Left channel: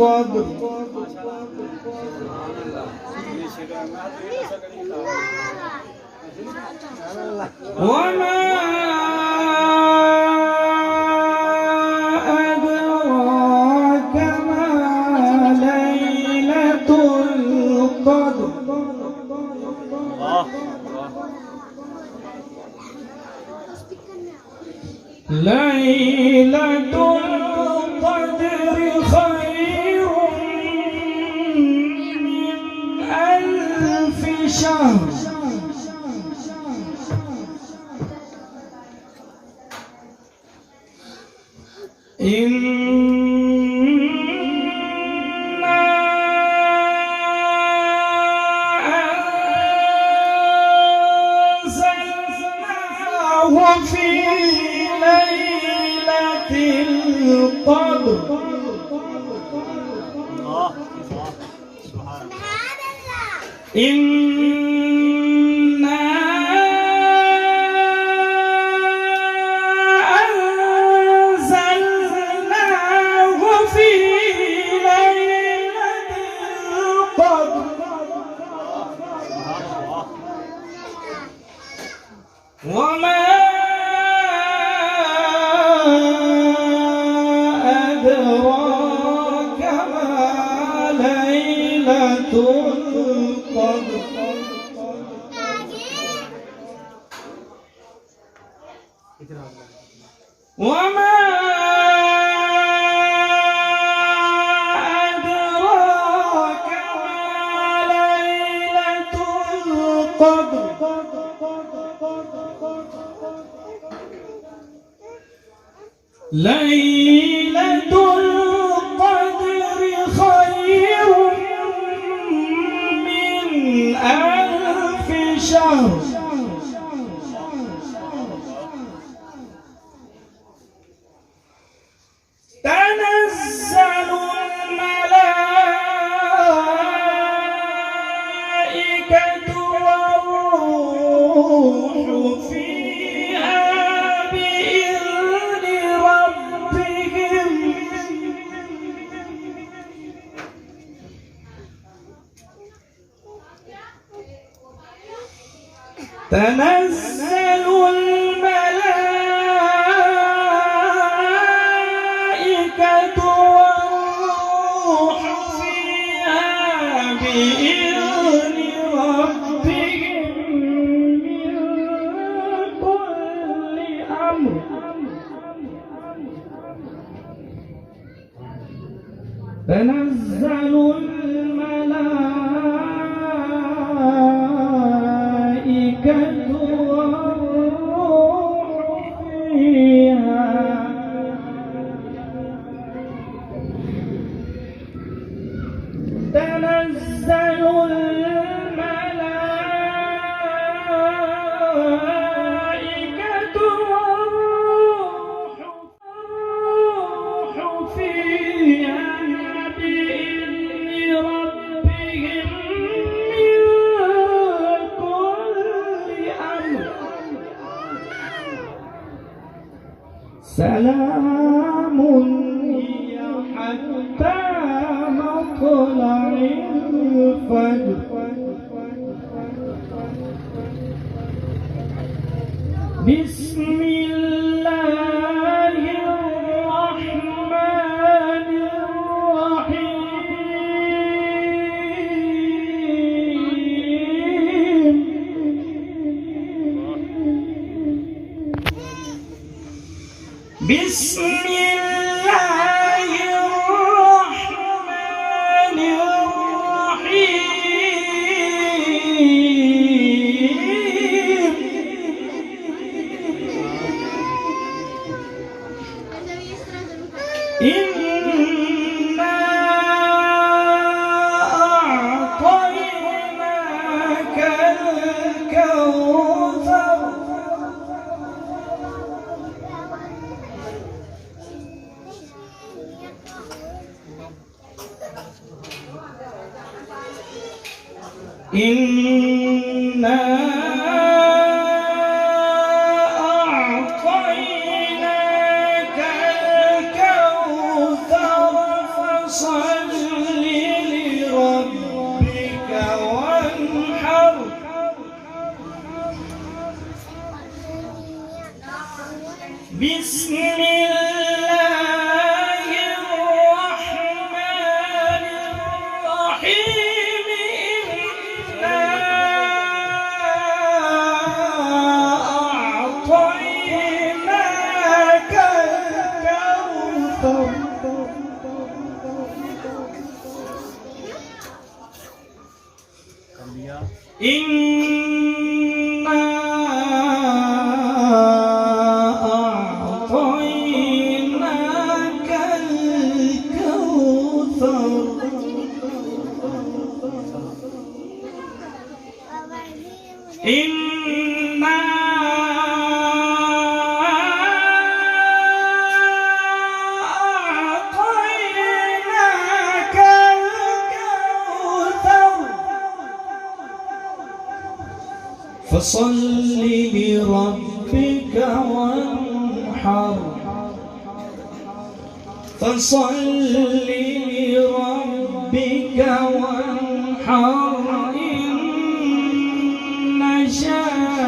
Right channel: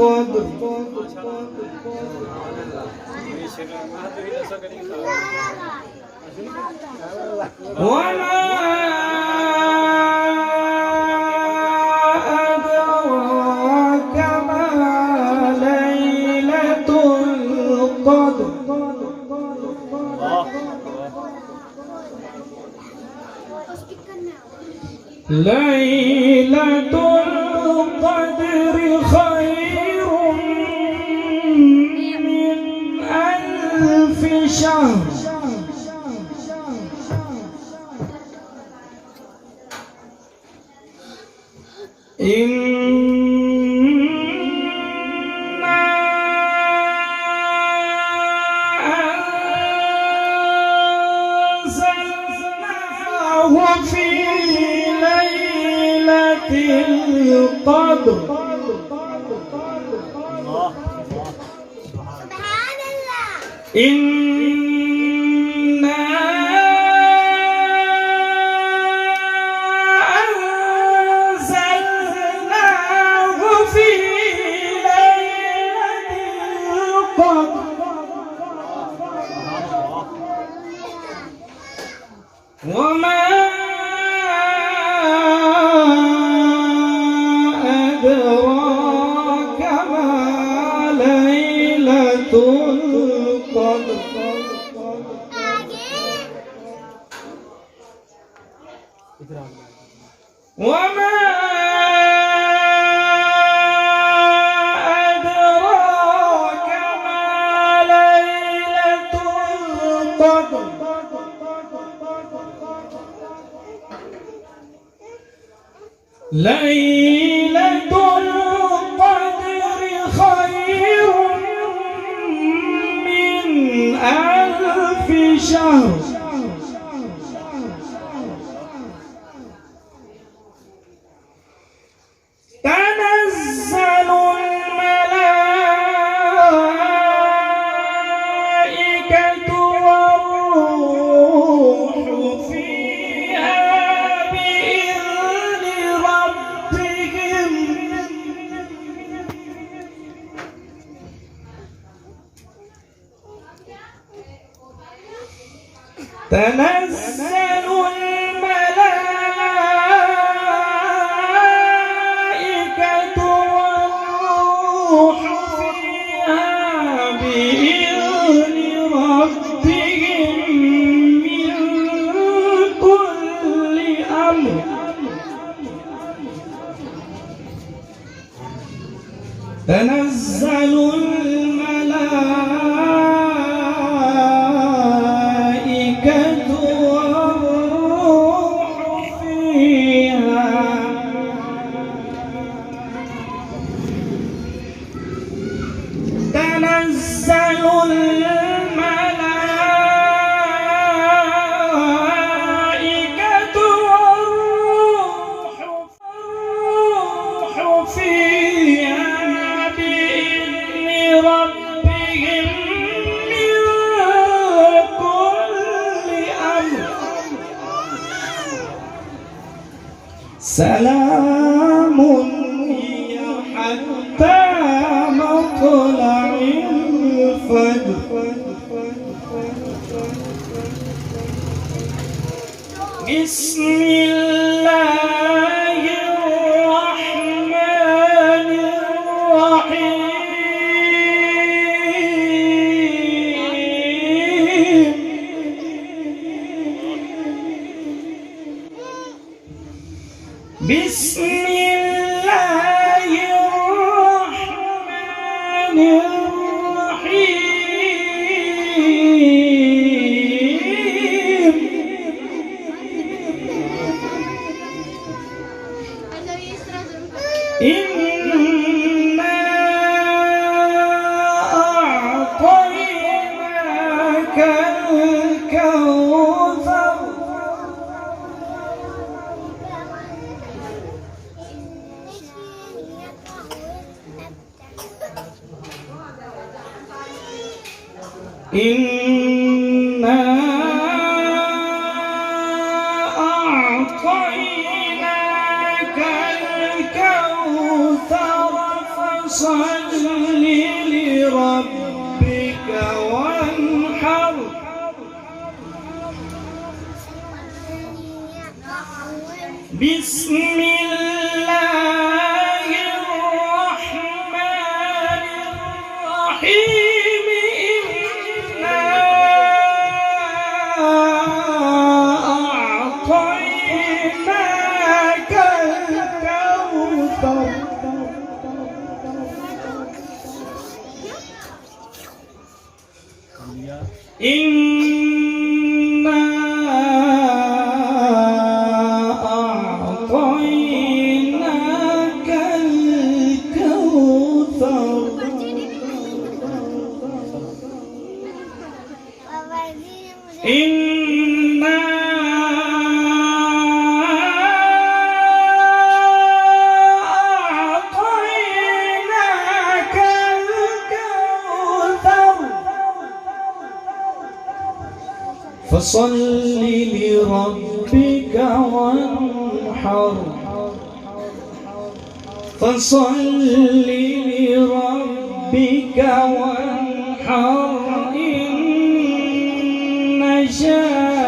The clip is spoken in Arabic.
القدر وما أدراك ما ليلة القدر ليلة القدر خير من ألف شهر إنا أنزلناه في ليلة القدر إنا أنزلناه في ليلة القدر وما أدراك ما ليلة القدر وما أدراك ما ليلة القدر ليلة القدر خير من ألف شهر تنزل الملائكة والروح فيها بإذن ربهم تنزل الملائكة والروح فيها بإذن ربهم من كل أمر تنزل الملائكة والروح فيها تنزل الملائكة والروح فيها بإذن ربهم من كل أمر سلام هي حتى مطلع الفجر بسم الله الرحمن الرحيم بسم الله الرحمن الرحيم إنا أعطيناك الكوثر إنا أعطيناك الكوثر فصل لربك وانحر بسم الله الرحمن الرحيم إنا أعطيناك الكوثر إنا أعطيناك الكوثر إنا أعطيناك الكوثر فصل لربك وانحر فصل لربك وانحر إن شاء